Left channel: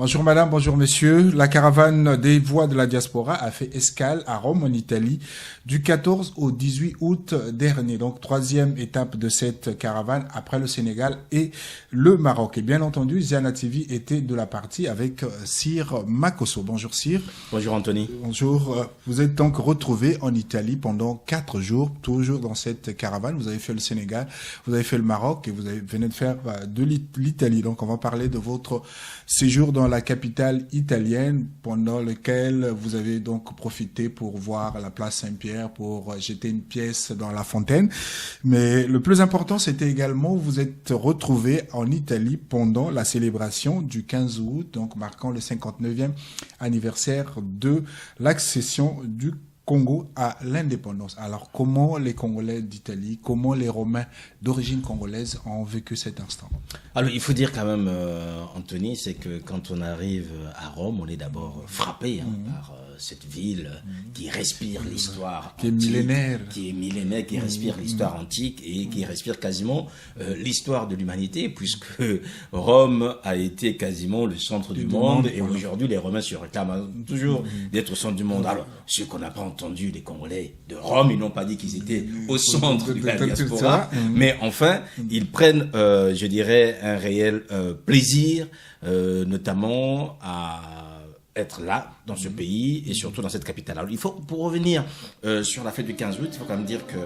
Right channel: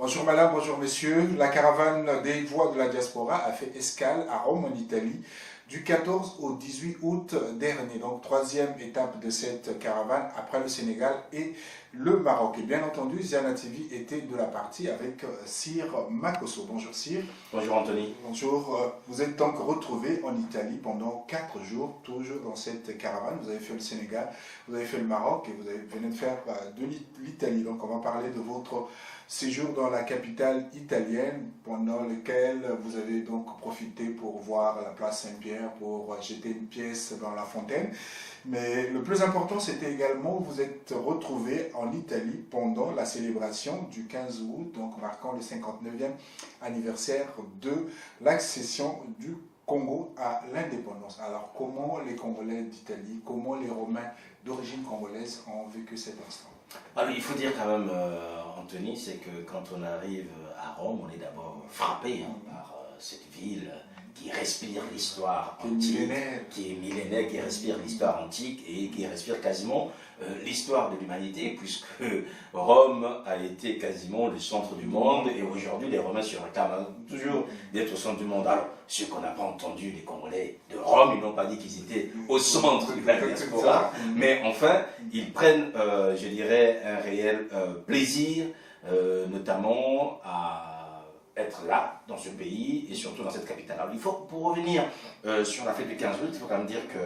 Bonjour madame, bonjour messieurs. La caravane des voix de la diaspora a fait escale à Rome en Italie du 14 au 18 août dernier. Donc troisième étape de cette caravane après le Sénégal et le Maroc. Et bien entendu, Ziana TV était de la partie avec Sir Makosso. Bonjour Sir. Bonjour Anthony. Bonjour. Vous êtes donc retrouvé en Italie pendant 4 jours, toujours dans cette caravane. Vous avez fait le Sénégal, vous avez fait le Maroc et venez de faire de l'Italie. Donc on va parler de votre séjour dans la capitale italienne pendant lequel vous avez donc profité pour voir la place Saint-Pierre, pour jeter une pièce dans la fontaine. Mais le plus important, c'était également vous êtes retrouvé en Italie pendant la célébration du 15 août, donc marquant le 59e anniversaire de l'accession du Congo à l'indépendance. Alors, comment les Congolais d'Italie, comment les Romains d'origine congolaise ont vécu cet instant? Alors, il faut dire quand même, Anthony, c'est que quand on arrive à Rome, on est d'abord frappé par cette ville qui respire l'histoire qui est millénaire, qui respire l'histoire antique et qui respire quasiment l'histoire de l'humanité, puisque Rome a été quasiment le centre du monde et aujourd'hui les Romains se réclament toujours d'être au centre du monde. Alors, ce qu'on n'a pas entendu, les Congolais de Rome, ils n'ont pas dit qu'ils étaient au centre de la diaspora, mais enfin, ils prennent, je dirais, un réel plaisir, notamment à être là, dans ce pays, et surtout dans cette capitale. Alors, il faut, pour revenir sur la fête du 15 août, il faut quand même dire que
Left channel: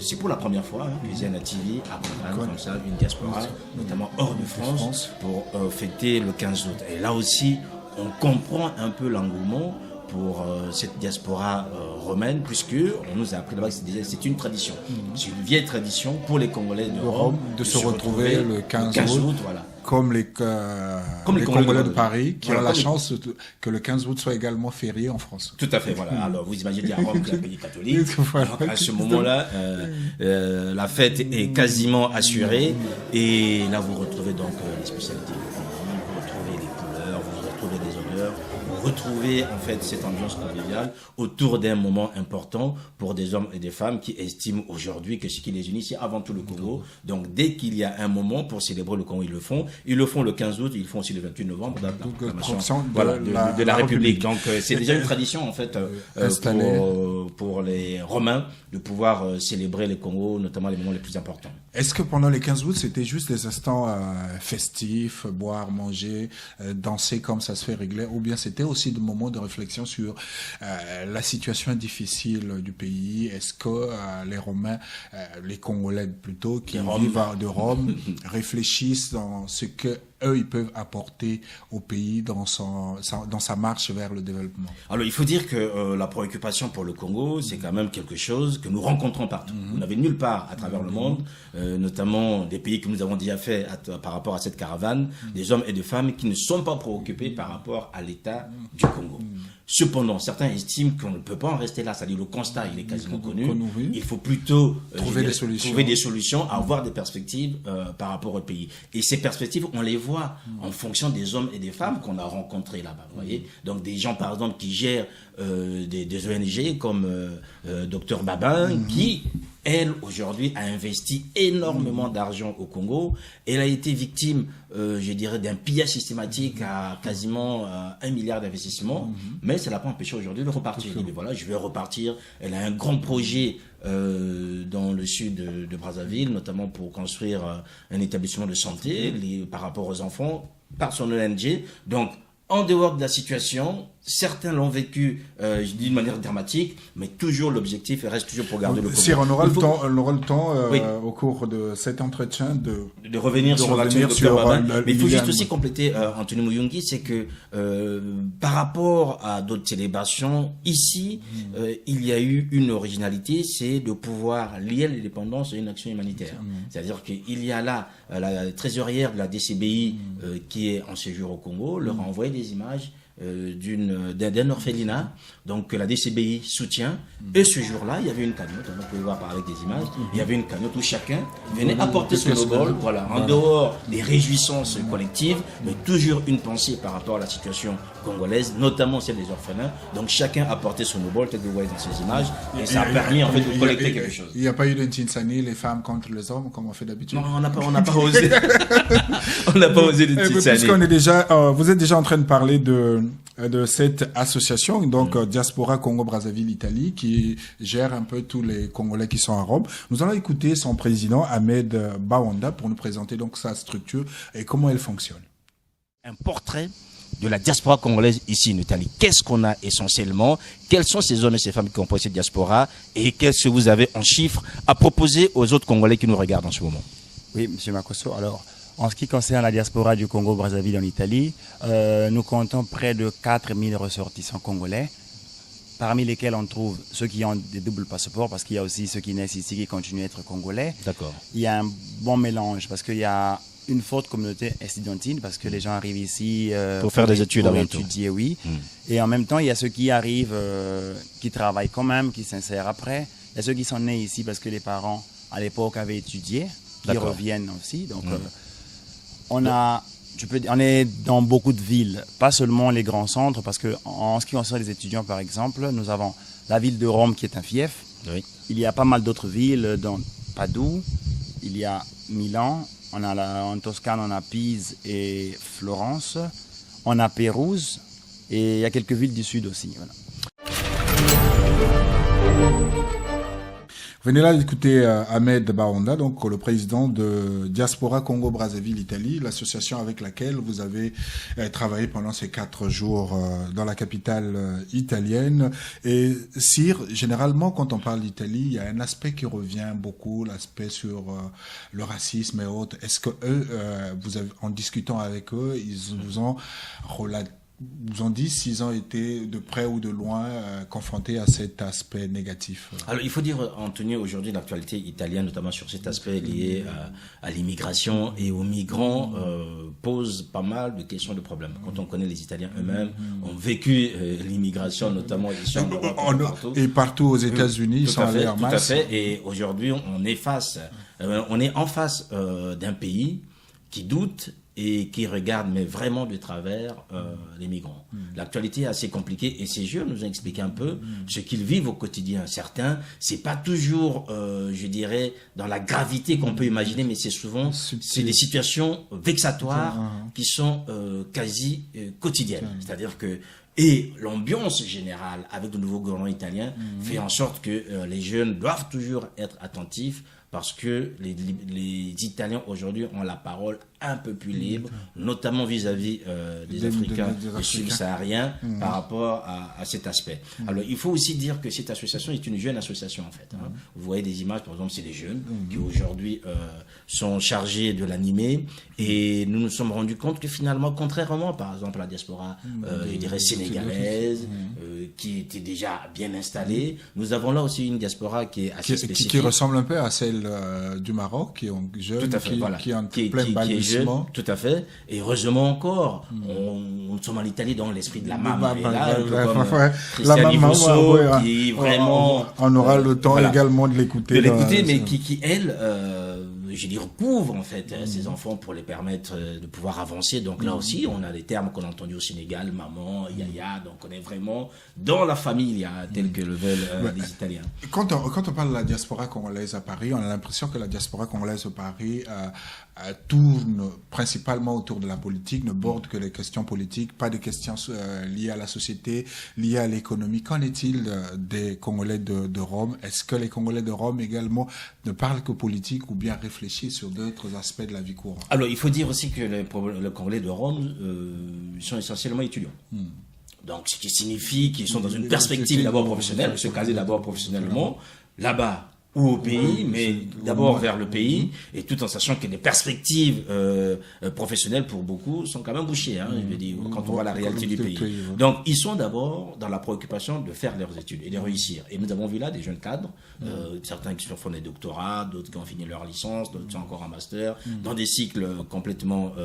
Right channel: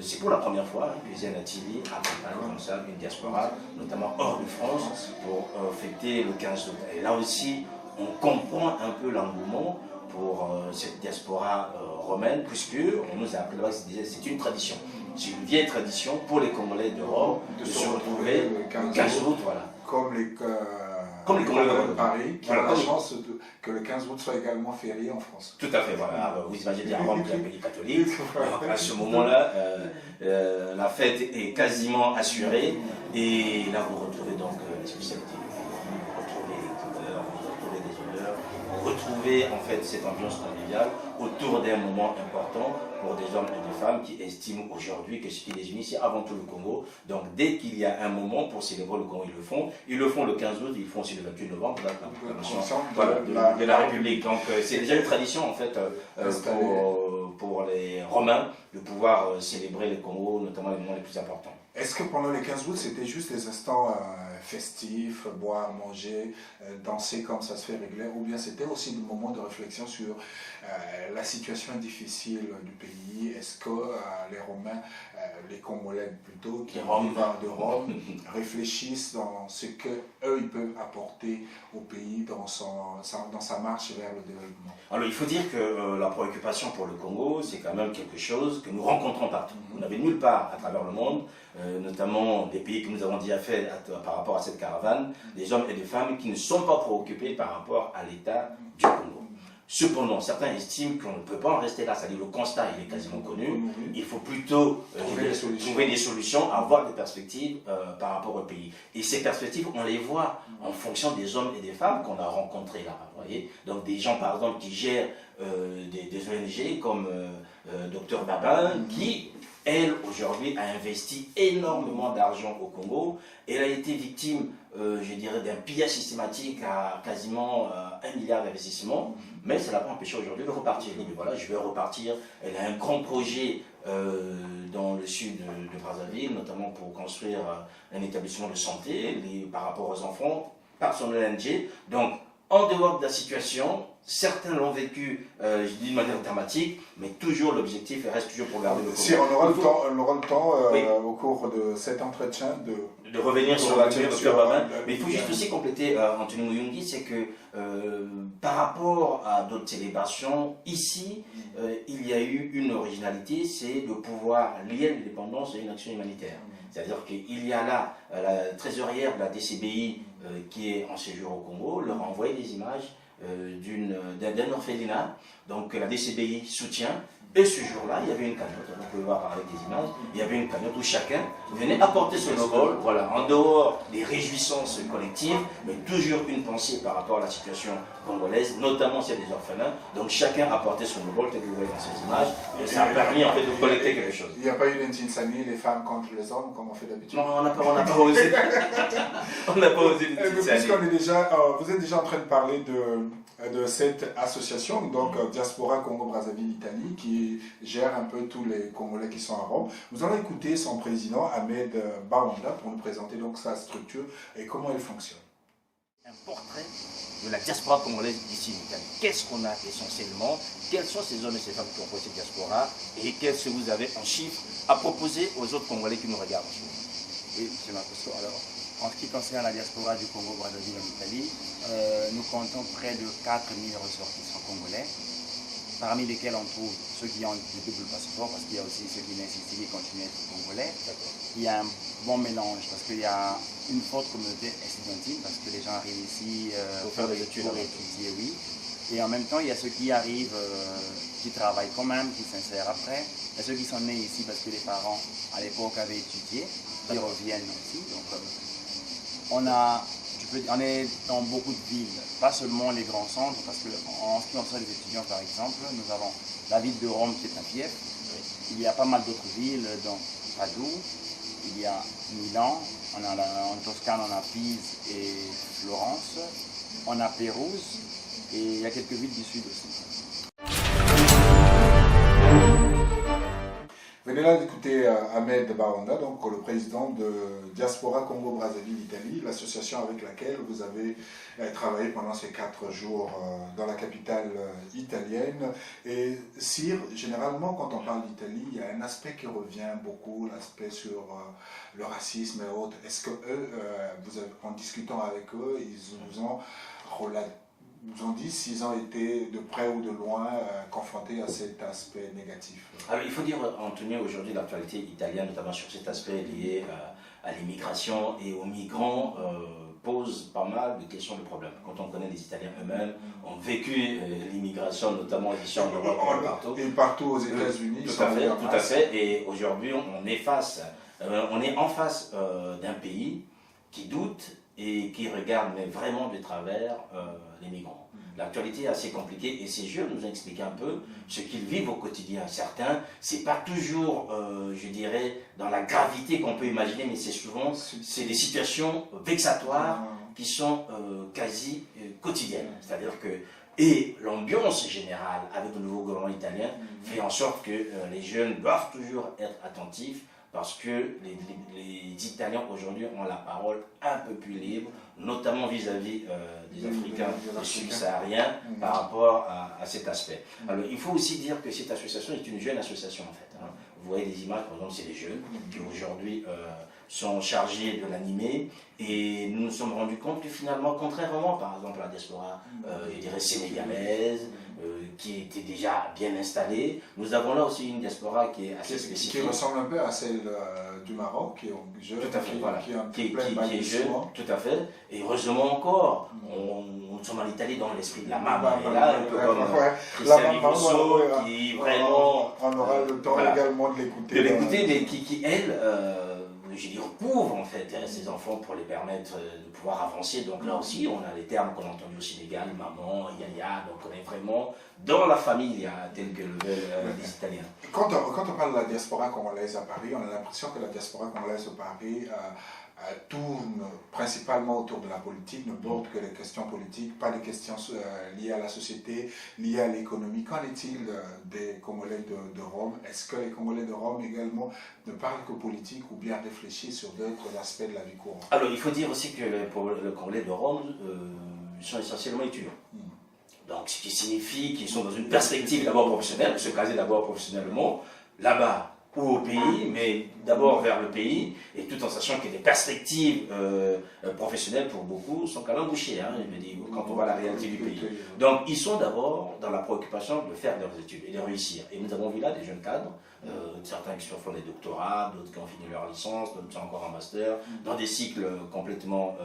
c'est pour la première fois que Ziana TV accompagne comme ça une diaspora, notamment hors de France, pour fêter le 15 août. Et là aussi, on comprend un peu l'engouement pour cette diaspora romaine, puisque on nous a appris là-bas que c'est une tradition. C'est une vieille tradition pour les Congolais de Rome de se retrouver le 15 août. Voilà. Comme les Congolais de Paris, qui ont la chance que le 15 août soit également férié en France. Tout à fait, voilà. Alors, vous imaginez à Rome, qui est un pays catholique. Donc, à ce moment-là, la fête est quasiment assurée. Et là, vous retrouvez donc les spécialités du pays, vous retrouvez les couleurs, vous retrouvez les odeurs, vous retrouvez en fait cette ambiance conviviale autour d'un moment important pour des hommes et des femmes qui estiment aujourd'hui que ce qui les unit, c'est avant tout le Congo. Donc, dès qu'il y a un moment pour célébrer le Congo, ils le font. Ils le font le 15 août, ils le font aussi le 28 novembre, de la République. Donc, c'est déjà une tradition, en fait, pour les Romains de pouvoir célébrer les Congos, notamment les moments les plus importants. Est-ce que pendant les 15 août, c'était juste des instants festifs, boire, manger, danser comme ça se fait régulièrement, ou bien c'était aussi des moments de réflexion sur la situation difficile du pays? Est-ce que les Romains, les Congolais plutôt, qui vivent de Rome, réfléchissent dans ce que eux ils peuvent apporter au pays dans sa marche vers le développement? Alors il faut dire que la préoccupation pour le Congo, c'est quand même quelque chose que nous rencontrons partout. Vous n'avez nulle part à travers le monde, notamment des pays que nous avons déjà fait par rapport à cette caravane, des hommes et des femmes qui ne sont pas préoccupés par rapport à l'état du Congo. Cependant, certains estiment qu'on ne peut pas en rester là, c'est-à-dire le constat il est quasiment connu. Il faut plutôt trouver des solutions, avoir des perspectives par rapport au pays. Et ces perspectives, on les voit en fonction des hommes et des femmes qu'on a rencontrés là-bas. Vous voyez, donc des gens par exemple qui gèrent des ONG comme Dr Babin, qui, elle, aujourd'hui, a investi énormément d'argent au Congo. Elle a été victime, je dirais, d'un pillage systématique à quasiment 1 milliard d'investissements. Mais ça ne l'a pas empêché aujourd'hui de repartir. Elle dit, mais voilà, je vais repartir. Elle a un grand projet dans le sud de Brazzaville, notamment pour construire un établissement de santé par rapport aux enfants, par son ONG. Donc, en dehors de la situation, certains l'ont vécu d'une manière dramatique, mais toujours l'objectif reste toujours pour garder le Congo. Si on aura le temps au cours de cet entretien de revenir sur l'action de Dr Babin. Mais il faut juste aussi compléter, Anthony Muyungi, c'est que par rapport à d'autres célébrations, ici, il y a eu une originalité, c'est de pouvoir lier l'indépendance à une action humanitaire. C'est-à-dire qu'il y a là la trésorière de la DCBI qui est en séjour au Congo, leur a envoyé des images d'un orphelinat, donc que la DCBI soutient. Et ce jour-là, il y avait une cagnotte, vous pouvez voir avec des images, il y avait une cagnotte où chacun venait apporter son symbole, voilà, en dehors des réjouissances collectives, mais toujours une pensée par rapport à la situation congolaise, notamment celle des orphelins. Donc chacun apportait son symbole, tel que vous voyez dans ces images, et ça a permis en fait de collecter quelque chose. Il n'y a pas eu d'Intinsani, les femmes contre les hommes, comme on fait d'habitude. Non, on n'a pas osé. On n'a pas osé d'Intinsani. Puisqu'on est déjà, vous êtes déjà en train de parler de cette association, donc Diaspora Congo-Brazzaville Italie, qui gère un peu tous les Congolais qui sont à Rome. Nous allons écouter son président, Ahmed Bawanda, pour nous présenter donc sa structure et comment elle fonctionne. Un portrait de la diaspora congolaise ici en Italie. Qu'est-ce qu'on a essentiellement? Quels sont ces hommes et ces femmes qui composent cette diaspora? Et qu'est-ce que vous avez en chiffres à proposer aux autres Congolais qui nous regardent en ce moment? Oui, M. Makosso. Alors, en ce qui concerne la diaspora du Congo-Brazzaville en Italie, nous comptons près de 4000 ressortissants congolais, parmi lesquels on trouve ceux qui ont des doubles passeports, parce qu'il y a aussi ceux qui naissent ici qui continuent à être congolais. D'accord. Il y a un bon mélange, parce qu'il y a une forte communauté estudiantine, parce que les gens arrivent ici pour faire des études pour avant tout. étudier, oui. Et en même temps, il y a ceux qui arrivent, qui travaillent quand même, qui s'insèrent après. Il y a ceux qui sont nés ici parce que les parents, à l'époque, avaient étudié, qui reviennent aussi. Donc, on est dans beaucoup de villes, pas seulement les grands centres, parce qu'en ce qui concerne les étudiants, par exemple, nous avons la ville de Rome qui est un fief. Oui. Il y a pas mal d'autres villes, dont Padoue, il y a Milan, en Toscane, on a Pise et Florence, on a Pérouse, et il y a quelques villes du sud aussi. Voilà. Venez là d'écouter Ahmed Bawanda, donc le président de Diaspora Congo-Brazzaville Italie, l'association avec laquelle vous avez travaillé pendant ces 4 jours dans la capitale italienne. Et Sir, généralement quand on parle d'Italie, il y a un aspect qui revient beaucoup, l'aspect sur le racisme et autres. Est-ce que eux, en discutant avec eux, ils vous ont dit s'ils ont été de près ou de loin confrontés à cet aspect négatif? Alors il faut dire, Anthony, aujourd'hui l'actualité italienne, notamment sur cet aspect lié à l'immigration et aux migrants, pose pas mal de questions, de problèmes. Quand on connaît les Italiens eux-mêmes, ont vécu l'immigration, notamment ici en Europe, et partout aux États-Unis, ils sont allés en masse. Tout à fait, et aujourd'hui on est en face d'un pays qui doute et qui regardent mais vraiment de travers les migrants. L'actualité est assez compliquée et ces jeunes nous ont expliqué un peu ce qu'ils vivent au quotidien. Certains, c'est pas toujours, je dirais, dans la gravité qu'on peut imaginer, mais c'est souvent des situations vexatoires qui sont quasi quotidiennes. C'est-à-dire que l'ambiance générale avec le nouveau gouvernement italien fait en sorte que les jeunes doivent toujours être attentifs, parce que les Italiens aujourd'hui ont la parole un peu plus libre, notamment vis-à-vis des Africains, des subsahariens, par rapport à cet aspect. Alors il faut aussi dire que cette association est une jeune association en fait. Vous voyez des images, par exemple, c'est des jeunes qui aujourd'hui sont chargés de l'animer, et nous nous sommes rendus compte que finalement, contrairement par exemple à la diaspora, je dirais sénégalaise, qui était déjà bien installée, nous avons là aussi une diaspora qui est assez spécifique. Qui ressemble un peu à celle du Maroc, qui est jeune, qui est en plein balbutiement. Tout à fait. Et heureusement encore, nous sommes en Italie dans l'esprit de la maman. La maman, qui vraiment... On aura le temps également de l'écouter. Mais qui elle... je dis, recouvre en fait ces enfants pour les permettre de pouvoir avancer. Donc là aussi, on a des termes qu'on a entendus au Sénégal, maman, yaya, donc on est vraiment dans la famille, tel que le veulent les Italiens. Quand on parle de la diaspora congolaise à Paris, on a l'impression que la diaspora congolaise à Paris tourne principalement autour de la politique, ne borde que les questions politiques, pas des questions liées à la société, liées à l'économie. Qu'en est-il des Congolais de Rome? Est-ce que les Congolais de Rome également ne parlent que politique ou bien réfléchissent sur d'autres aspects de la vie courante? Alors il faut dire aussi que les Congolais de Rome sont essentiellement étudiants. Donc ce qui signifie qu'ils sont dans une perspective d'abord professionnelle, se caser d'abord professionnellement. Là-bas, ou au pays, mais d'abord vers le pays, et tout en sachant que les perspectives professionnelles pour beaucoup sont quand même bouchées, hein, je veux dire, quand on voit la réalité du pays. Donc, ils sont d'abord dans la préoccupation de faire leurs études et de réussir. Et nous avons vu là des jeunes cadres, certains qui font des doctorats, d'autres qui ont fini leur licence, d'autres qui ont encore un master, dans des cycles complètement,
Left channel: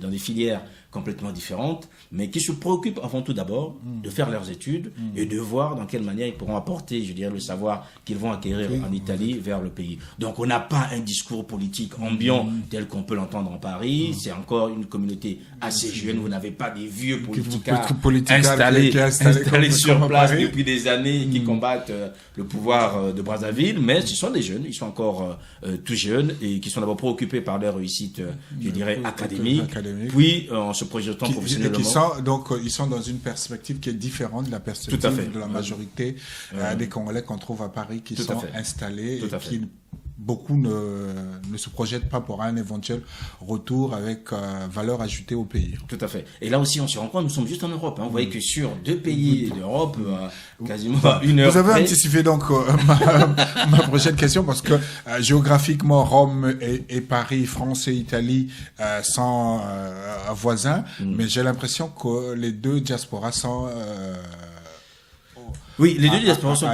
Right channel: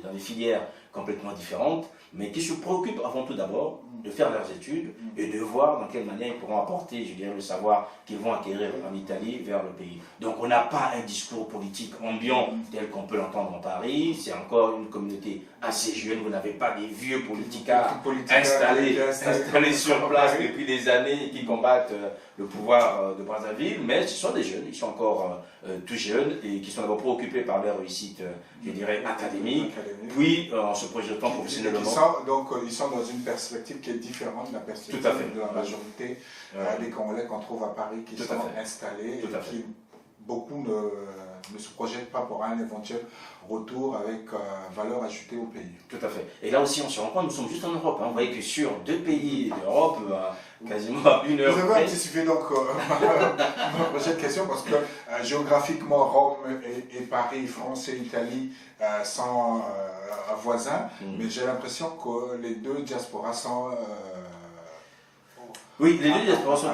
dans des filières complètement différentes, mais qui se préoccupent avant tout d'abord de faire leurs études et de voir dans quelle manière ils pourront apporter, je dirais, le savoir qu'ils vont acquérir en Italie vers le pays. Donc on n'a pas un discours politique ambiant tel qu'on peut l'entendre en Paris, c'est encore une communauté assez jeune, vous n'avez pas des vieux politiciens installés sur place depuis des années et qui combattent le pouvoir de Brazzaville, mais ce sont des jeunes, ils sont encore tout jeunes et qui sont d'abord préoccupés par leur réussite, je dirais, académique, puis en se projetant professionnellement. Donc ils sont dans une perspective qui est différente de la perspective de la majorité des Congolais qu'on trouve à Paris qui sont installés et qui beaucoup ne se projettent pas pour un éventuel retour avec valeur ajoutée au pays. Tout à fait. Et là aussi, on se rend compte, nous sommes juste en Europe. Hein. Vous voyez que sur 2 pays d'Europe, quasiment à 1 heure. Vous avez anticipé donc ma prochaine question parce que géographiquement, Rome et Paris, France et Italie sont voisins, mais j'ai l'impression que les deux diasporas sont... oui, les deux diasporas sont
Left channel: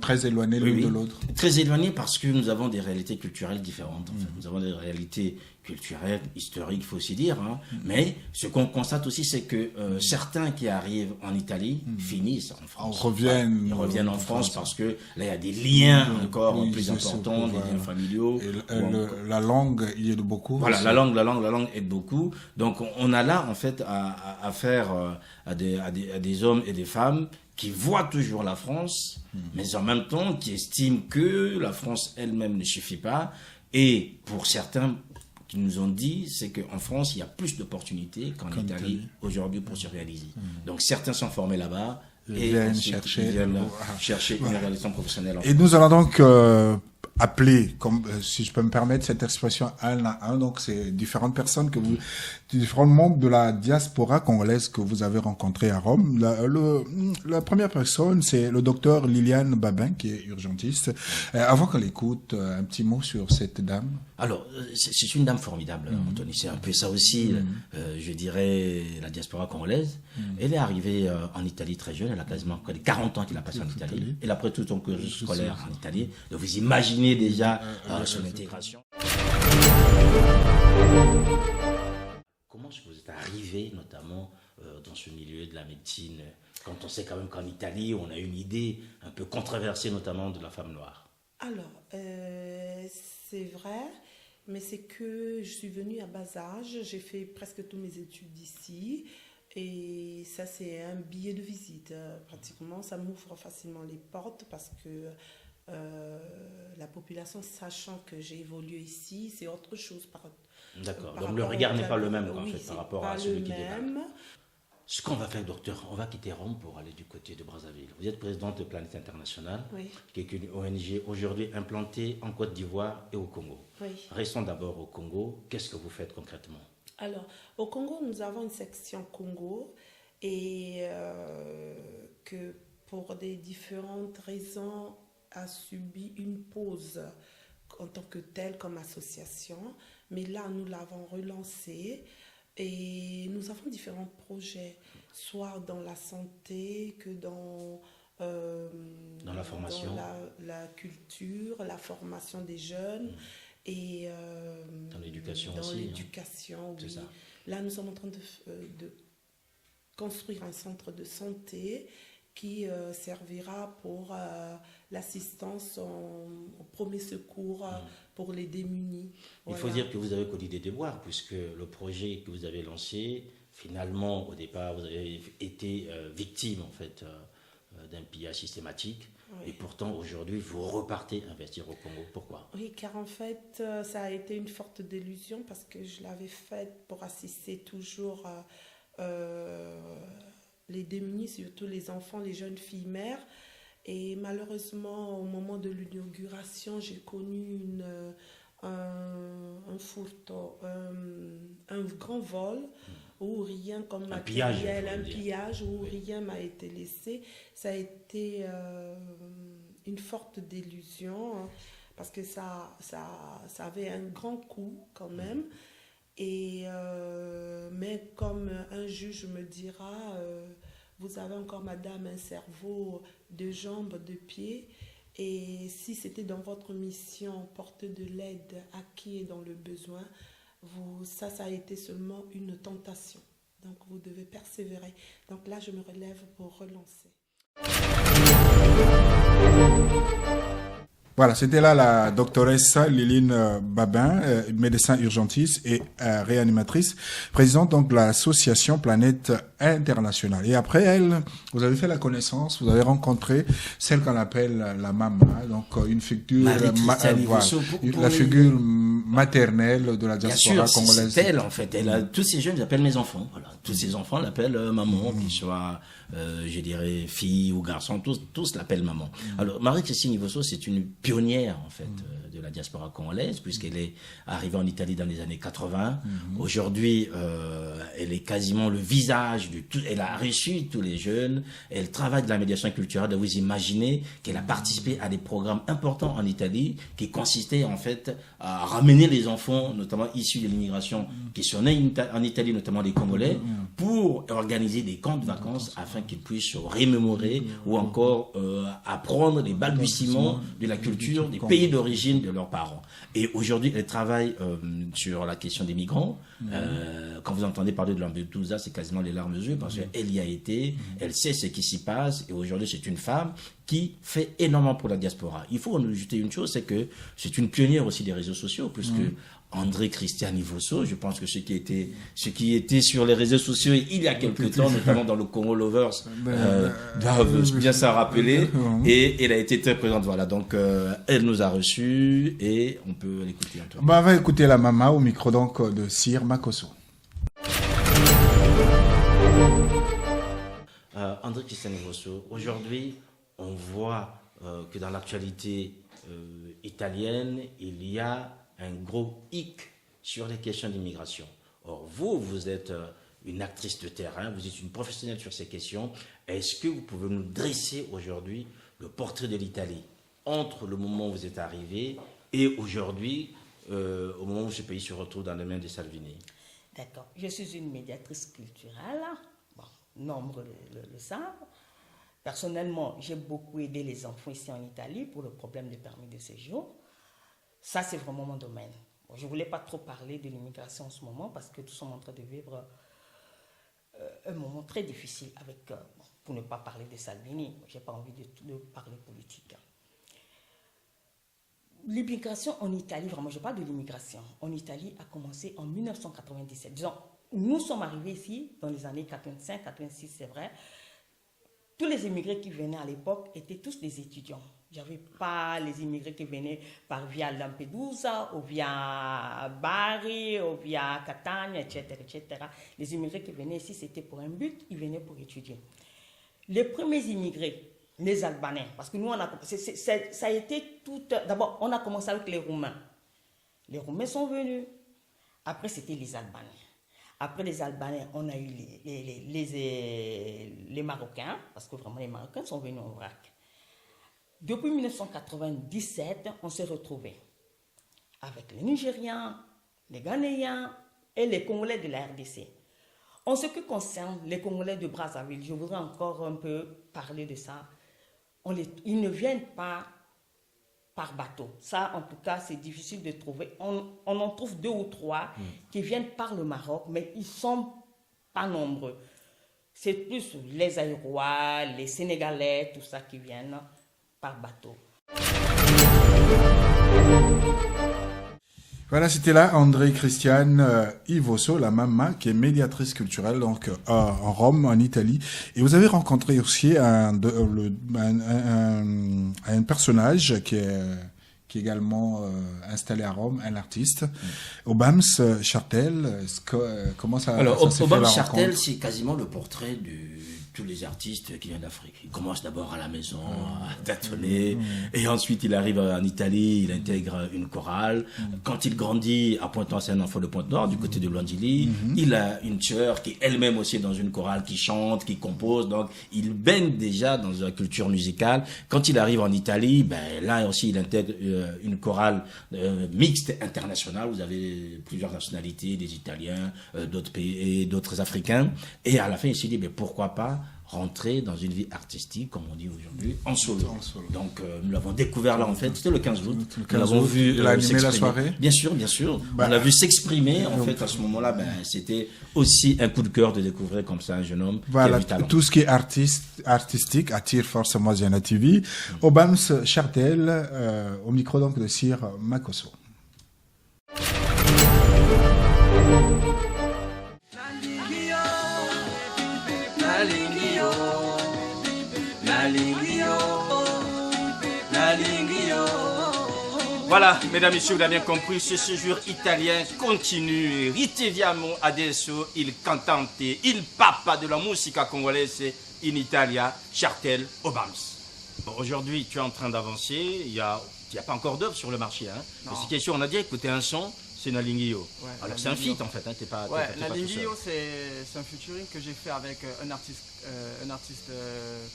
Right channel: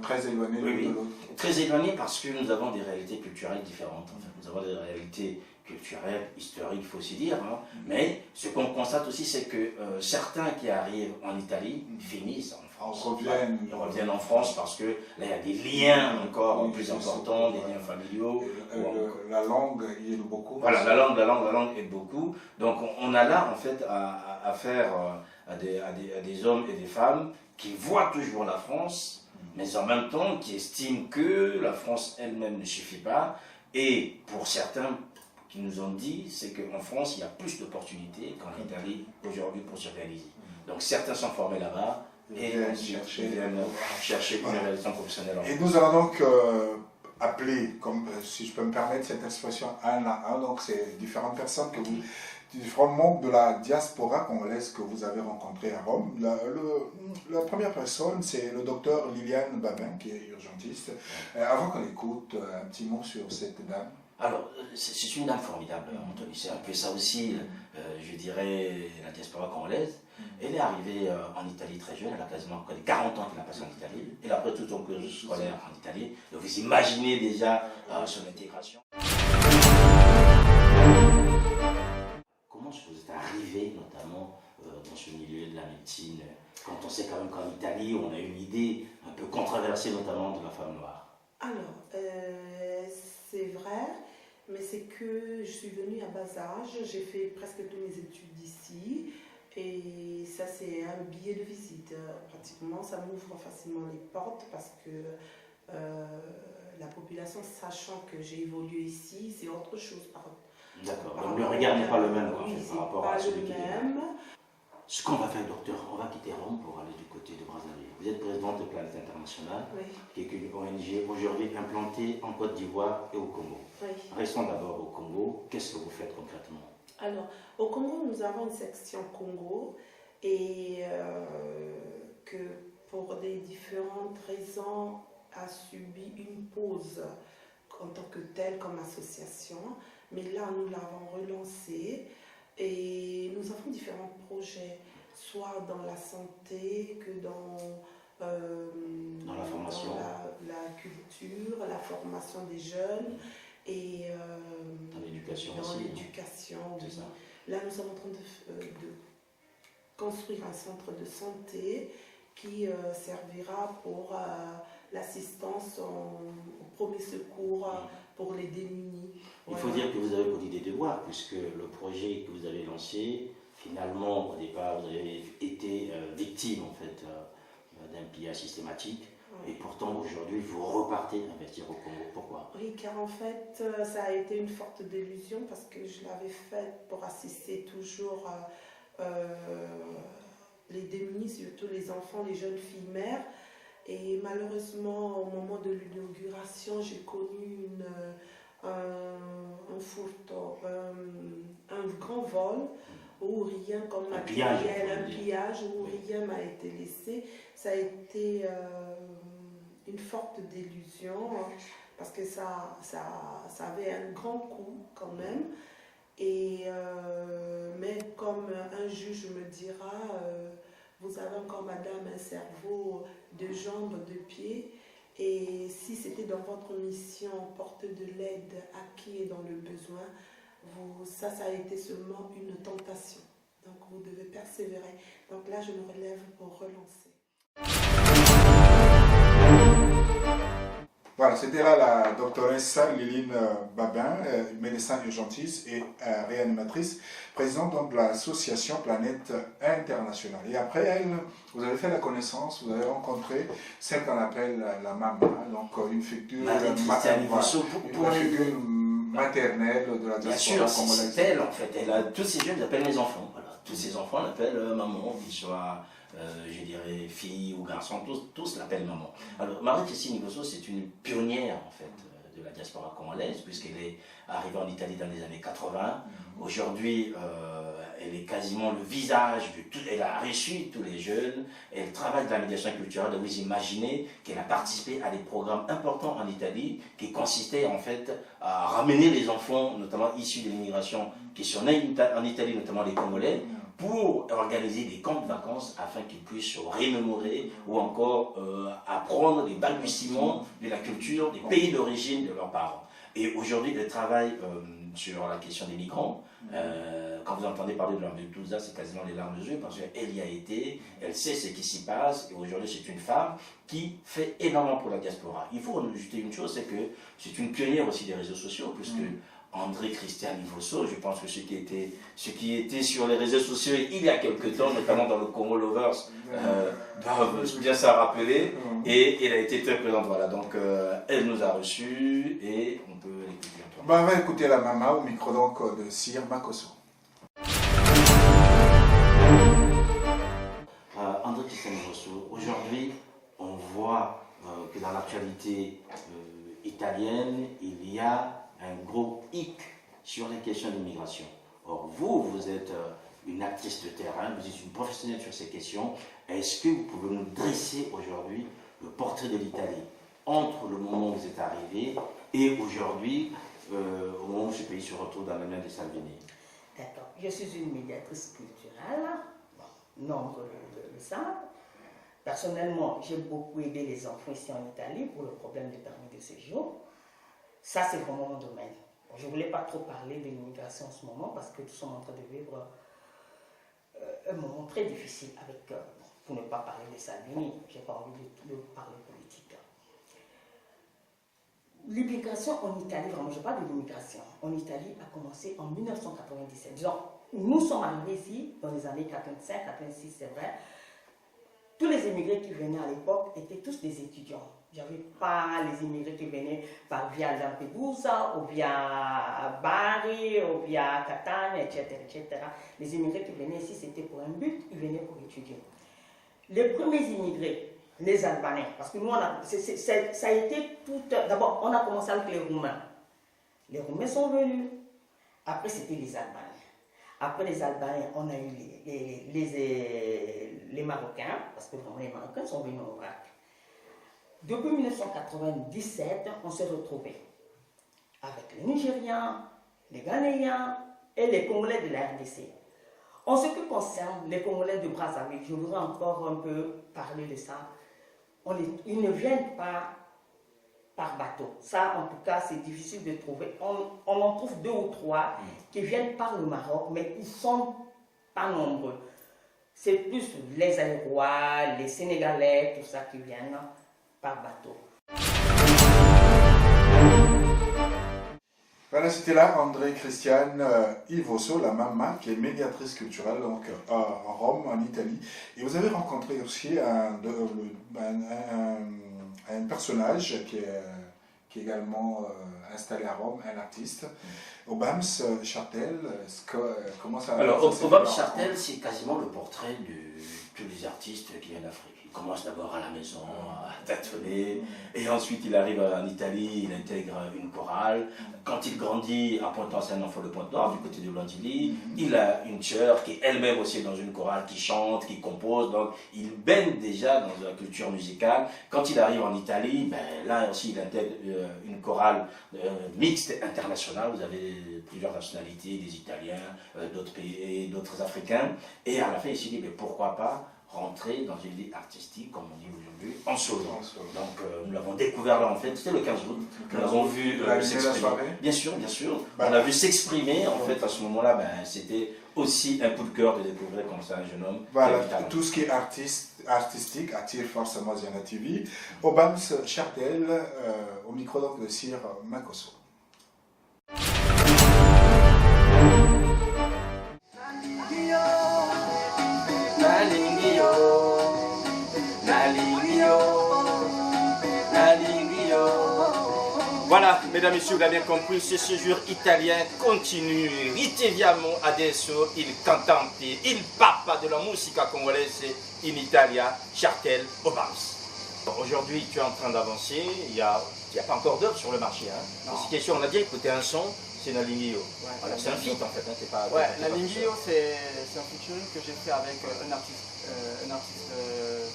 très éloignés l'une de l'autre. Très éloignés parce que nous avons des réalités culturelles différentes. En fait. Nous avons des réalités culturelles, historiques, il faut aussi dire. Hein. Mais ce qu'on constate aussi, c'est que certains qui arrivent en Italie finissent en France. Ils reviennent en France parce que là, il y a des liens encore plus importants, des liens familiaux. La langue y aide beaucoup. Voilà, la langue aide beaucoup. Donc, on a là, en fait, à faire à des hommes et des femmes qui voient toujours la France, mais en même temps qui estiment que la France elle-même ne suffit pas. Et pour certains qui nous ont dit, c'est qu'en France, il y a plus d'opportunités qu'en Italie aujourd'hui pour se réaliser. Donc certains sont formés là-bas et viennent chercher une réalisation professionnelle. Et nous allons donc appeler, comme, si je peux me permettre cette expression, un à un, donc c'est différentes personnes différents membres de la diaspora congolaise que vous avez rencontrés à Rome. La première personne, c'est le docteur Liliane Babin, qui est urgentiste. Avant qu'on l'écoute, un petit mot sur cette dame. Alors, c'est une dame formidable, Anthony. C'est un peu ça aussi, je dirais, la diaspora congolaise. Elle est arrivée en Italie très jeune, elle a quasiment 40 ans qu'elle a passé en Italie. Elle a pris tout son cursus scolaire en Italie. Donc vous imaginez déjà son intégration. Comment est-ce que vous êtes arrivé notamment dans ce milieu de la médecine, quand on sait quand même qu'en Italie, on a une idée un peu controversée notamment de la femme noire? Alors, c'est vrai, mais c'est que je suis venue à bas âge, j'ai fait presque toutes mes études ici, et ça c'est un billet de visite, pratiquement, ça m'ouvre facilement les portes parce que la population, sachant que j'ai évolué ici, c'est autre chose D'accord, donc le regard n'est pas le même en fait, par rapport à celui qui dépasse. Ce qu'on va faire, docteur, on va quitter Rome pour aller du côté de Brazzaville. Vous êtes présidente de Planète Internationale, qui est une ONG aujourd'hui implantée en Côte d'Ivoire et au Congo. Oui. Restons d'abord au Congo. Qu'est-ce que vous faites concrètement? Alors, au Congo, nous avons une section Congo et que pour des différentes raisons a subi une pause en tant que telle comme association. Mais là, nous l'avons relancée et nous avons différents projets, soit dans la santé que dans la formation, dans la culture, la formation des jeunes et dans l'éducation dans aussi. l'éducation, oui. Ça. Là, nous sommes en train de construire un centre de santé qui servira pour l'assistance au premier secours pour les démunis. Il faut dire que vous avez connu des devoirs, puisque le projet que vous avez lancé, finalement, au départ, vous avez été victime en fait, d'un pillage systématique. Et pourtant, aujourd'hui, vous repartez investir au Congo. Pourquoi? Oui, car en fait, ça a été une forte délusion parce que je l'avais faite pour assister toujours les démunis, surtout les enfants, les jeunes filles mères. Et malheureusement, au moment de l'inauguration, j'ai connu un furto, un grand vol où rien comme matériel, un pillage où rien m'a été laissé. Ça a été une forte délusion, parce que ça avait un grand coût quand même. Et, mais comme un juge me dira, vous avez encore, madame, un cerveau, 2 jambes, 2 pieds. Et si c'était dans votre mission, porter de l'aide à qui est dans le besoin, ça a été seulement une tentation. Donc vous devez persévérer. Donc là, je me relève pour relancer. Voilà, c'était là la doctoresse Liline Babin, médecin urgentiste et réanimatrice, présidente donc de l'association Planète Internationale. Et après elle, vous avez fait la connaissance, vous avez rencontré celle qu'on appelle la maman, donc une figure, la figure maternelle de la diaspora congolaise. C'est elle en fait. Tous ces jeunes l'appellent mes enfants. Voilà. Tous ces enfants l'appellent maman, qu'ils soient, je dirais, filles ou garçons, tous l'appellent maman. Alors, Marie-Christine Ivoso, c'est une pionnière en fait de la diaspora congolaise, puisqu'elle est arrivée en Italie dans les années 80. Aujourd'hui, elle est quasiment le visage de tout. Elle a reçu tous les jeunes. Elle travaille de la médiation culturelle. Vous imaginez qu'elle a participé à des programmes importants en Italie qui consistaient en fait à ramener les enfants, notamment issus de l'immigration, qui sont nés en Italie, notamment les Congolais, pour organiser des camps de vacances afin qu'ils puissent se remémorer ou encore apprendre les balbutiements de la culture des pays d'origine de leurs parents. Et aujourd'hui, elle travaille sur la question des migrants. Quand vous entendez parler de Lampedusa, c'est quasiment les larmes aux yeux parce qu'elle y a été, elle sait ce qui s'y passe et aujourd'hui, c'est une femme qui fait énormément pour la diaspora. Il faut ajouter une chose, c'est que c'est une pionnière aussi des réseaux sociaux puisque André Christian Ivoso, je pense que ce qui était sur les réseaux sociaux il y a quelques temps, notamment dans le Congo Lovers, doivent bien s'en rappeler. Et elle a été très présente. Voilà, donc elle nous a reçus et on peut l'écouter. On va écouter la maman au micro donc de Sir Makosso. André Christian Ivoso, aujourd'hui, on voit que dans l'actualité italienne, il y a un gros hic sur les questions d'immigration. Or, vous êtes une actrice de terrain, vous êtes une professionnelle sur ces questions. Est-ce que vous pouvez nous dresser aujourd'hui le portrait de l'Italie entre le moment où vous êtes arrivé et aujourd'hui, au moment où ce pays se retrouve dans les mains de Salvini? D'accord. Je suis une médiatrice culturelle, nombre le savent. Personnellement, j'ai beaucoup aidé les enfants ici en Italie pour le problème des permis de séjour. Ça, c'est vraiment mon domaine. Je ne voulais pas trop parler de l'immigration en ce moment parce que tous sommes en train de vivre un moment très difficile pour ne pas parler de Salvini. Je n'ai pas envie de parler politique. L'immigration en Italie, vraiment, je parle de l'immigration. En Italie a commencé en 1997. Disons, nous sommes arrivés ici dans les années 85, 86, c'est vrai. Tous les immigrés qui venaient à l'époque étaient tous des étudiants. Il n'y avait pas les immigrés qui venaient via Lampedusa, ou via Bari, ou via Catania, etc., etc. Les immigrés qui venaient ici, c'était pour un but, ils venaient pour étudier. Les premiers immigrés, les Albanais, parce que nous, ça a été tout... D'abord, on a commencé avec les Roumains. Les Roumains sont venus. Après, c'était les Albanais. Après les Albanais, on a eu les Marocains, parce que vraiment les Marocains sont venus au Irak. Depuis 1997, on s'est retrouvés avec les Nigériens, les Ghanéens et les Congolais de la RDC. En ce qui concerne les Congolais de Brazzaville, je voudrais encore un peu parler de ça. Ils ne viennent pas par bateau. Ça, en tout cas, c'est difficile de trouver. On en trouve 2 ou 3 qui viennent par le Maroc, mais ils ne sont pas nombreux. C'est plus les Aïrois, les Sénégalais, tout ça qui viennent par bateau. Voilà, c'était là André Christiane Ivoso, la maman, qui est médiatrice culturelle donc en Rome, en Italie. Et vous avez rencontré aussi un personnage qui est également installé à Rome, un artiste, Obams Chartel. Comment ça Alors, s'est fait Obams la Chartel, rencontre? c'est quasiment le portrait de tous les artistes qui viennent d'Afrique. Il commence d'abord à la maison, à tâtonner, et ensuite il arrive en Italie, il intègre une chorale. Quand il grandit à Pointe-Noire, c'est un enfant de Pointe-Noire, du côté de Blandilly, il a une sœur qui est elle-même aussi dans une chorale, qui chante, qui compose, donc il baigne déjà dans la culture musicale. Quand il arrive en Italie, là aussi il intègre une chorale mixte internationale, vous avez plusieurs nationalités, des Italiens, d'autres pays et d'autres Africains, et à la fin il s'est dit, pourquoi pas rentrer dans une vie artistique, comme on dit aujourd'hui, en solo. Donc nous l'avons découvert là en fait, c'était le 15 août. Nous l'avons vu animer la soirée. Bien sûr. On l'a vu s'exprimer en fait à ce moment-là. C'était aussi un coup de cœur de découvrir comme ça un jeune homme. Voilà, tout ce qui est artistique attire forcément Ziana TV. Obams Chartel, au micro donc de Sir Makosso. Voilà, mesdames et messieurs, vous l'avez bien compris, ce séjour italien continue. Ritroviamo adesso il cantante, il papa de la musica congolaise in Italia, Chartel Obams. Aujourd'hui, tu es en train d'avancer, il n'y a pas encore d'œuvre sur le marché. Mais cette question, on a dit, écouter un son, c'est Nalingio. Ouais, alors c'est un feat en fait, Nalingio, c'est un featuring que j'ai fait avec un artiste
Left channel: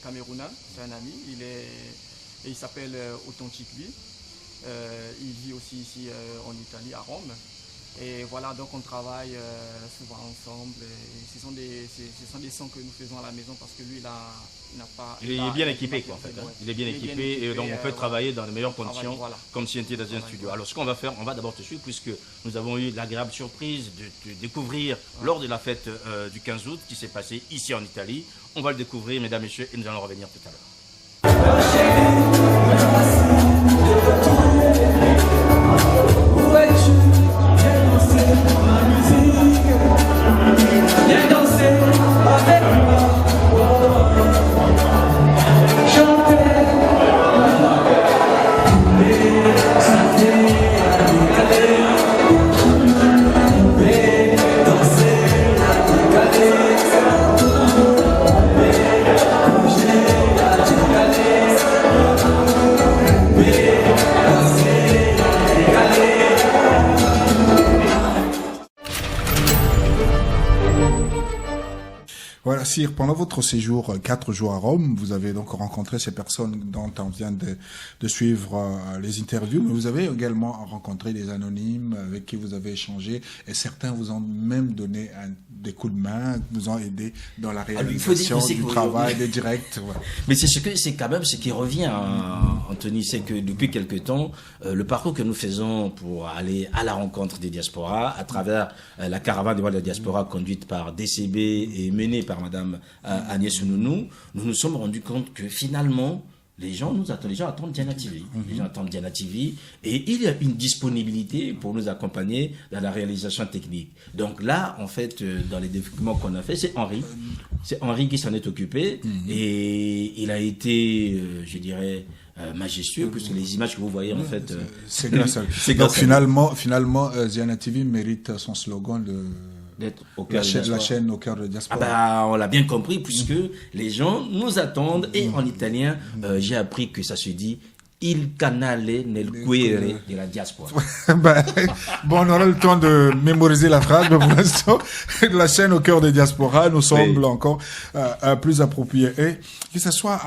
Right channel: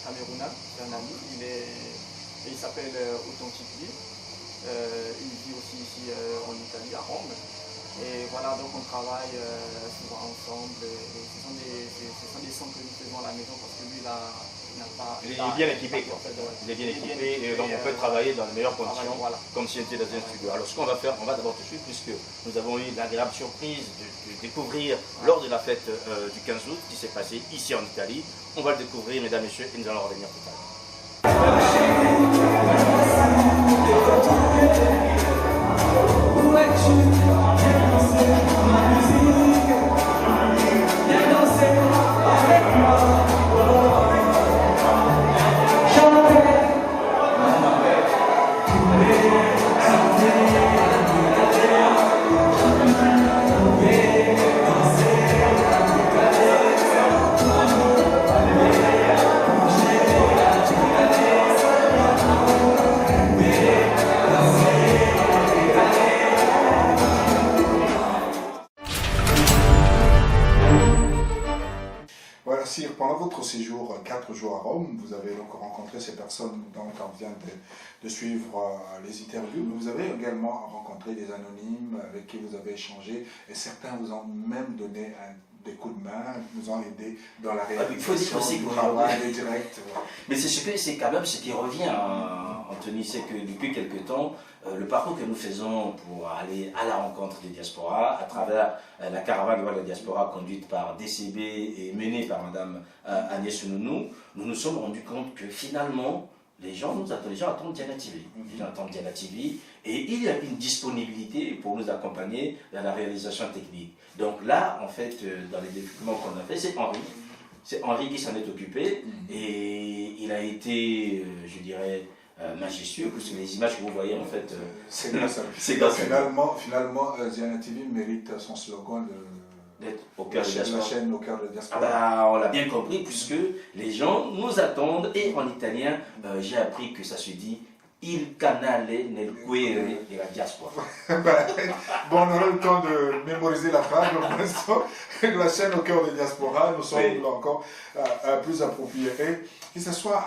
camerounais, c'est un ami, il s'appelle Authentic Lee. Il vit aussi ici en Italie, à Rome. Et voilà, donc on travaille souvent ensemble. Et ce sont des sons que nous faisons à la maison parce que lui, il est bien équipé. Quoi, en fait, hein. Il est bien équipé et donc on peut travailler dans les meilleures conditions, comme s'il était dans un studio. Alors ce qu'on va faire, on va d'abord te suivre puisque nous avons eu l'agréable surprise de découvrir lors de la fête du 15 août qui s'est passée ici en Italie. On va le découvrir, mesdames et messieurs, et nous allons revenir tout à l'heure. Viens danser avec moi. Voilà, Sir, pendant votre séjour, 4 jours à Rome, vous avez donc rencontré ces personnes dont on vient de suivre les interviews, mais vous avez également rencontré des anonymes avec qui vous avez échangé, et certains vous ont même donné des coups de main, vous ont aidé dans la réalisation du travail, des directs. Voilà. Mais c'est quand même ce qui revient, Anthony, c'est que depuis quelque temps, le parcours que nous faisons pour aller à la rencontre des diasporas, à travers la caravane de la diaspora conduite par DCB et menée par Madame Agnès Nounou, nous nous sommes rendus compte que finalement, les gens attendent Diana TV. Les gens attendent Diana TV et il y a une disponibilité pour nous accompagner dans la réalisation technique. Donc là, en fait, dans les développements qu'on a fait, c'est Henri. C'est Henri qui s'en est occupé et il a été, je dirais, majestueux, parce que les images que vous voyez, en fait... c'est grâce à lui. Donc finalement, Diana TV mérite son slogan d'être la chaîne au cœur de la diaspora. On l'a bien compris, puisque les gens nous attendent, et en italien, j'ai appris que ça se dit il canale nel cuore de la diaspora. Bon, on aura le temps de mémoriser la phrase, mais pour l'instant, la chaîne au cœur des diasporas nous semble encore plus appropriée. Et que ce soit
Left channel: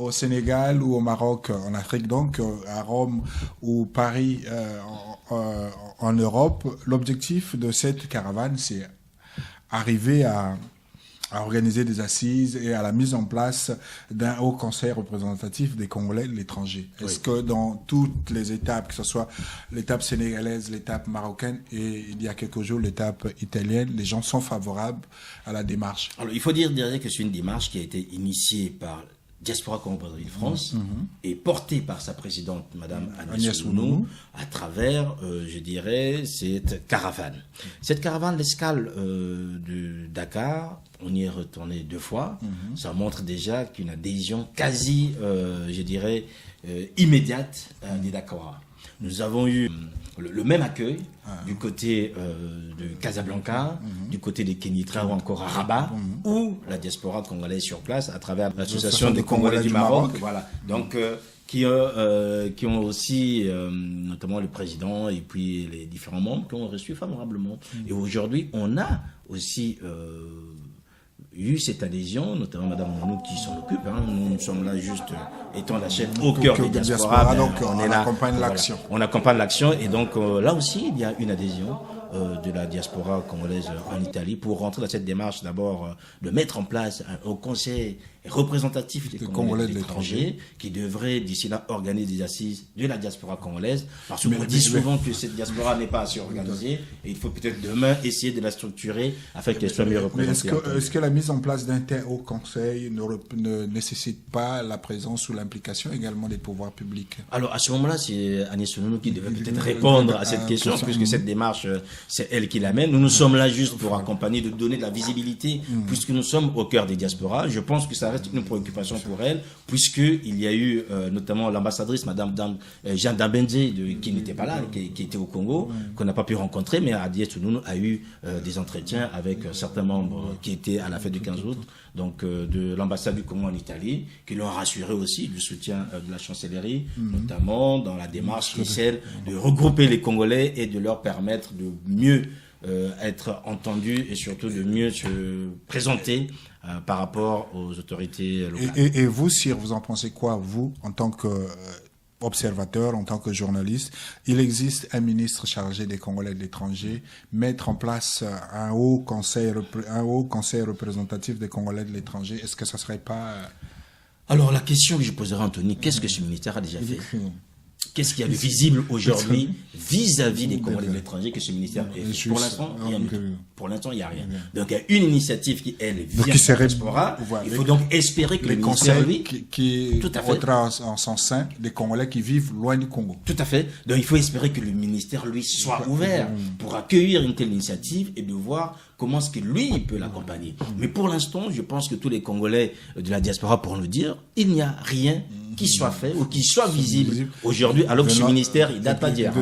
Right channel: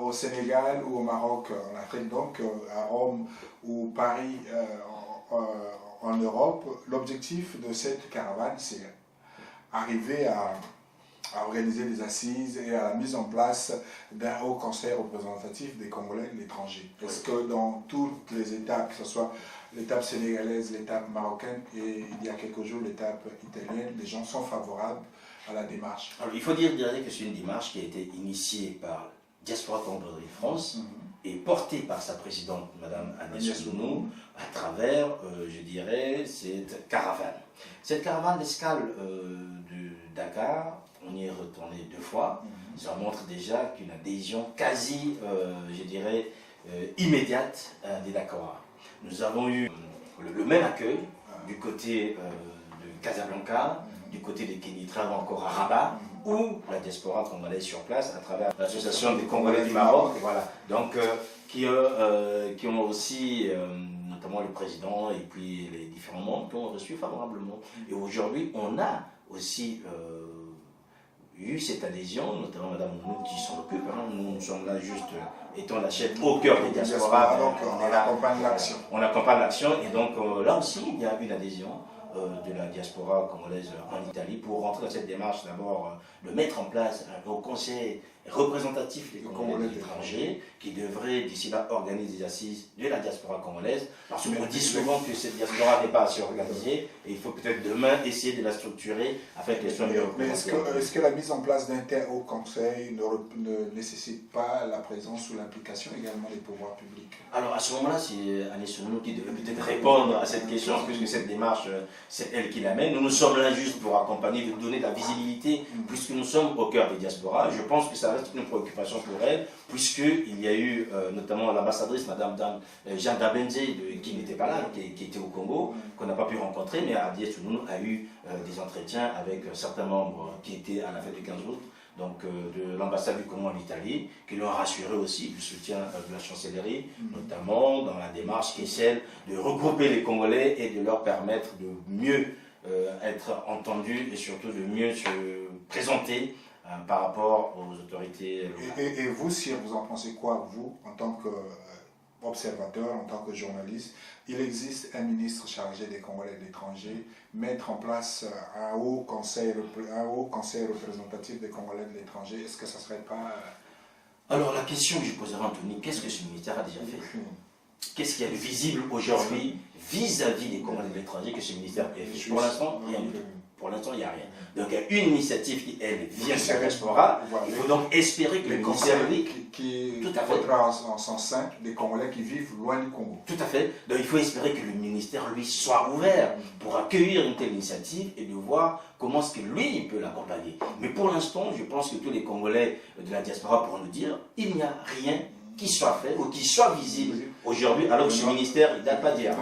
au Sénégal ou au Maroc, en Afrique, donc à Rome ou Paris, en Europe, l'objectif de cette caravane, c'est arriver à organiser des assises et à la mise en place d'un haut conseil représentatif des Congolais de l'étranger. Oui. Est-ce que dans toutes les étapes, que ce soit l'étape sénégalaise, l'étape marocaine et il y a quelques jours l'étape italienne, les gens sont favorables à la démarche? Alors il faut dire que c'est une démarche qui a été initiée par Diaspora Congo-Brazzaville France et portée par sa présidente, Madame Agnès Nounou, à travers, je dirais, cette caravane. Cette caravane d'escale de Dakar, on y est retourné 2 fois. Ça montre déjà qu'une adhésion quasi, je dirais, immédiate des Dakar. Nous avons eu le même accueil du côté de Casablanca, du côté de Kénitra ou encore à Rabat, où la diaspora congolaise sur place à travers l'association des Congolais du Maroc. Voilà. Donc, qui ont aussi, notamment le président et puis les différents membres, qui ont reçu favorablement. Et aujourd'hui, on a aussi eu cette adhésion, notamment Madame Mounou qui s'en occupe. Nous sommes là juste étant la chaîne au cœur des diasporas. Donc on accompagne l'action. On accompagne l'action et donc là aussi il y a une adhésion de la diaspora congolaise en Italie pour rentrer dans cette démarche d'abord de mettre en place un haut conseil représentatif des Congolais de l'étranger qui devrait d'ici là organiser des assises de la diaspora congolaise parce qu'on dit souvent que cette diaspora n'est pas assez organisée et il faut peut-être demain essayer de la structurer afin qu'elle soit mieux représentée. Mais est-ce que la mise en place d'un tel haut conseil ne nécessite pas la présence ou l'implication également des pouvoirs publics? Alors à ce moment-là, c'est Agnès Sounoulou qui devait peut-être répondre à cette question puisque cette démarche, c'est elle qui l'amène. Nous sommes là juste pour accompagner, de donner de la visibilité puisque nous sommes au cœur des diasporas. Je pense que ça reste une préoccupation pour elle, puisqu'il y a eu notamment l'ambassadrice, Madame Jeanne Dambenze, qui n'était pas là, qui était au Congo, qu'on n'a pas pu rencontrer, mais Agnès Sounoulou a eu des entretiens avec certains membres qui étaient à la fête du 15 août, donc de l'ambassade du Congo en Italie, qui l'ont rassuré aussi du soutien de la chancellerie, notamment dans la démarche qui est celle de regrouper les Congolais et de leur permettre de mieux être entendus et surtout de mieux se présenter par rapport aux autorités locales. Et vous, Sir, vous en pensez quoi, vous, en tant qu'observateur, en tant que journaliste? Il existe un ministre chargé des Congolais de l'étranger, mettre en place un haut conseil représentatif des Congolais de l'étranger, est-ce que ça ne serait pas... Alors la question que je poserai à Anthony, qu'est-ce que ce ministère a déjà fait? Qu'est-ce qu'il y a de visible aujourd'hui vis-à-vis des Congolais de l'étranger que ce ministère a fait? Pour l'instant, rien du tout. Pour l'instant, il n'y a rien. Donc, il y a une initiative qui, elle, vient de la diaspora. Il faut donc espérer que le ministère, lui, qui votera en sens sain des Congolais qui vivent loin du Congo. Tout à fait. Donc, il faut espérer que le ministère, lui, soit ouvert pour accueillir une telle initiative et de voir comment est-ce que lui, il peut l'accompagner. Mais pour l'instant, je pense que tous les Congolais de la diaspora pourront nous dire, il n'y a rien qui soit fait ou qui soit visible aujourd'hui, alors que ce ministère, il date pas d'hier.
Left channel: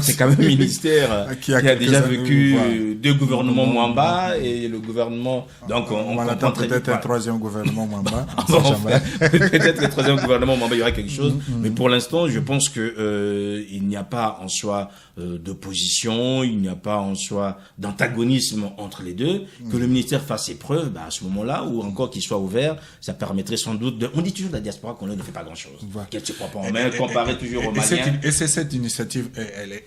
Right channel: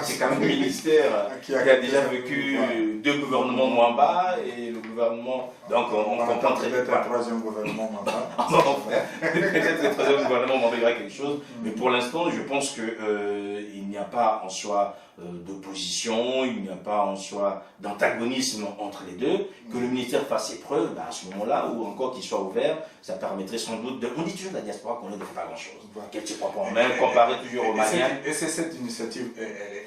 C'est quand même un ministère qui a déjà vécu deux gouvernements Mwamba et le gouvernement... Donc on comprend peut-être un troisième gouvernement Mwamba. Peut-être le troisième gouvernement Mwamba, il y aura quelque chose. Mais pour l'instant, je pense qu'il n'y a pas en soi d'opposition, il n'y a pas en soi d'antagonisme entre les deux. Que le ministère fasse ses preuves, à ce moment-là, ou encore qu'il soit ouvert, ça permettrait sans doute de... On dit toujours que la diaspora qu'on ne fait pas grand-chose. Qu'elle ne se croit pas en main, comparée toujours aux Maliens. Et c'est cette initiative,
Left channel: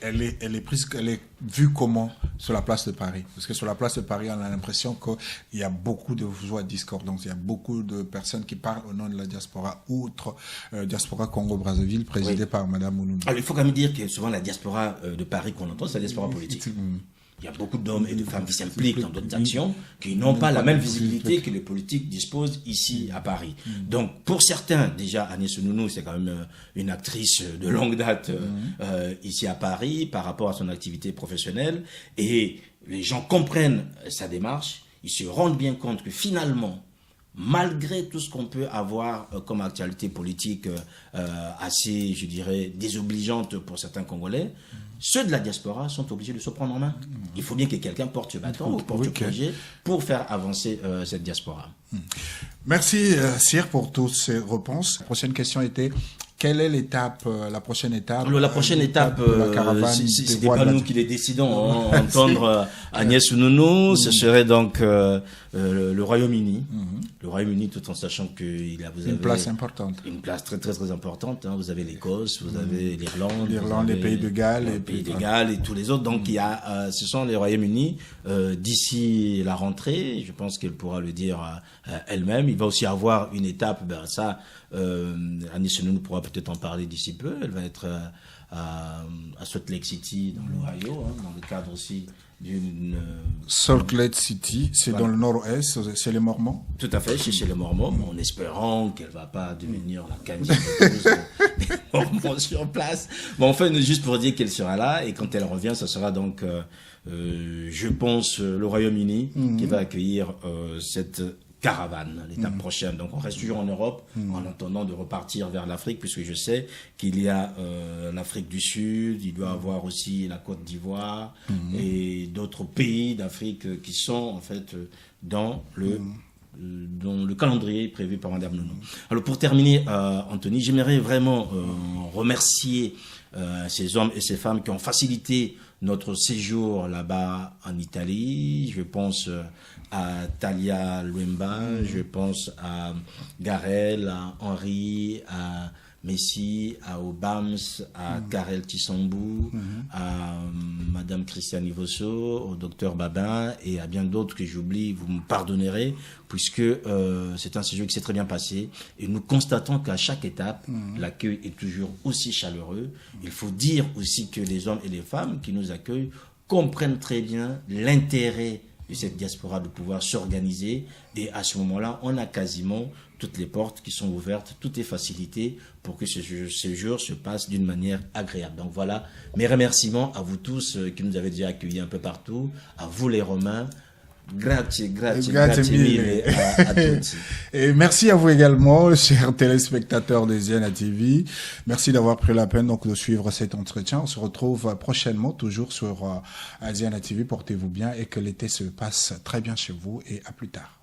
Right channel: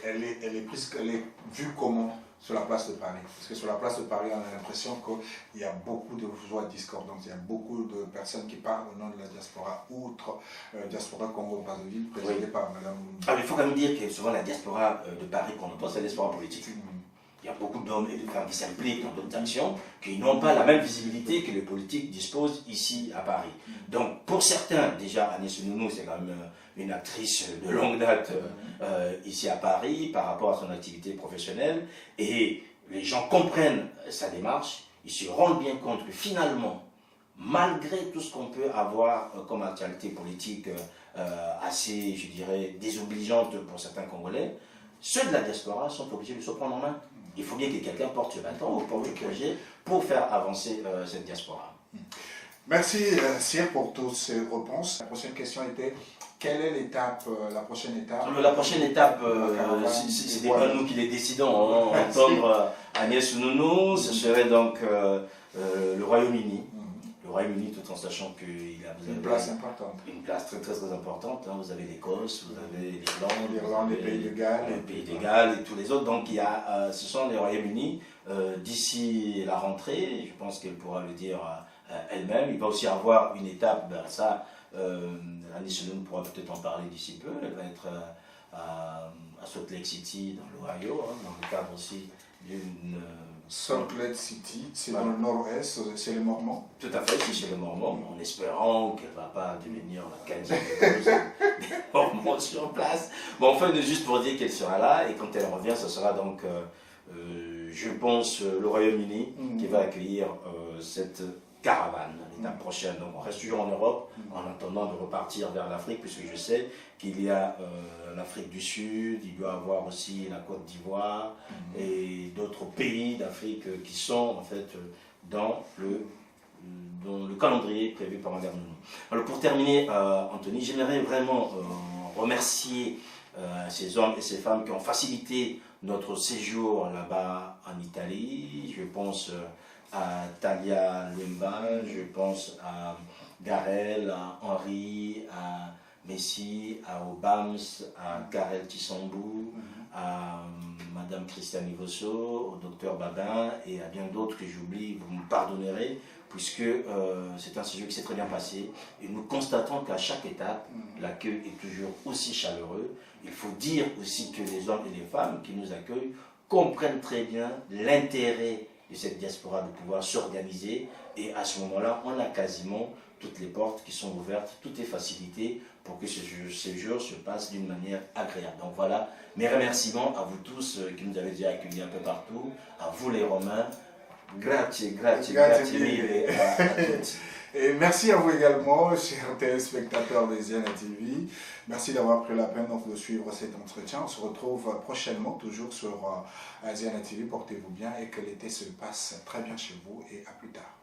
elle est vue comment sur la place de Paris? Parce que sur la place de Paris, on a l'impression qu'il y a beaucoup de voix discordantes. Il y a beaucoup de personnes qui parlent au nom de la diaspora, outre diaspora Congo-Brazzaville, présidée par Mme Mounou. Alors il faut quand même dire que souvent la diaspora de Paris qu'on entend, c'est la diaspora politique. Il y a beaucoup d'hommes et de femmes qui s'impliquent dans d'autres actions, qui n'ont pas la même visibilité que les politiques disposent ici à Paris. Donc pour certains, déjà Agnès Sounoulou, c'est quand même une actrice de longue date ici à Paris par rapport à son activité professionnelle, et les gens comprennent sa démarche, ils se rendent bien compte que finalement, malgré tout ce qu'on peut avoir comme actualité politique assez, je dirais, désobligeante pour certains Congolais, ceux de la diaspora sont obligés de se prendre en main. Il faut bien que quelqu'un porte ce bâton ou porte le projet pour faire avancer cette diaspora. Merci Sir pour toutes ces réponses. La prochaine question était, quelle est la prochaine étape? Alors, la prochaine étape, c'est pas nous qui les décidons. Entendre Agnès Sounoulou, ce serait donc le Royaume-Uni. Le Royaume-Uni, tout en sachant qu'il a une place importante. Une place très très très importante. Vous avez l'Écosse, vous avez l'Irlande, les Pays de Galles, et tous les autres. Donc ce sont les Royaumes-Unis. D'ici la rentrée, je pense qu'elle pourra le dire elle-même. Il va aussi avoir une étape, Agnès Sounoulou pourra peut-être en parler d'ici peu. Elle va être à Salt Lake City, dans l'Ohio, dans le cadre aussi d'une... Salt Lake City, c'est dans le nord-est, c'est les Mormons? Tout à fait, c'est chez les Mormons, en espérant qu'elle ne va pas devenir la candidature des Mormons sur place. Bon, enfin, juste pour dire qu'elle sera là, et quand elle revient, ce sera donc, je pense, le Royaume-Uni qui va accueillir cette caravane, l'étape prochaine. Donc on reste toujours en Europe en attendant de repartir vers l'Afrique, puisque je sais qu'il y a l'Afrique du Sud, il doit y avoir aussi la Côte d'Ivoire et d'autres pays d'Afrique qui sont en fait dans le calendrier prévu par Mme Nounou. Alors pour terminer, Anthony, j'aimerais vraiment remercier ces hommes et ces femmes qui ont facilité notre séjour là-bas en Italie. Je pense à Talia Luemba, je pense à Garel, à Henri, à Messi, à Obams, à Karel Tissambou, à Madame Christiane Ivosso, au docteur Babin et à bien d'autres que j'oublie, vous me pardonnerez, puisque c'est un séjour qui s'est très bien passé et nous constatons qu'à chaque étape, l'accueil est toujours aussi chaleureux. Il faut dire aussi que les hommes et les femmes qui nous accueillent comprennent très bien l'intérêt de cette diaspora de pouvoir s'organiser, et à ce moment-là, on a quasiment toutes les portes qui sont ouvertes, tout est facilité pour que ce séjour se passe d'une manière agréable. Donc voilà, mes remerciements à vous tous qui nous avez déjà accueillis un peu partout, à vous les Romains. Grazie mille a tutti. Et merci à vous également, chers téléspectateurs de Ziana TV. Merci d'avoir pris la peine donc de suivre cet entretien. On se retrouve prochainement, toujours sur Ziana TV. Portez-vous bien et que l'été se passe très bien chez vous, et à plus tard.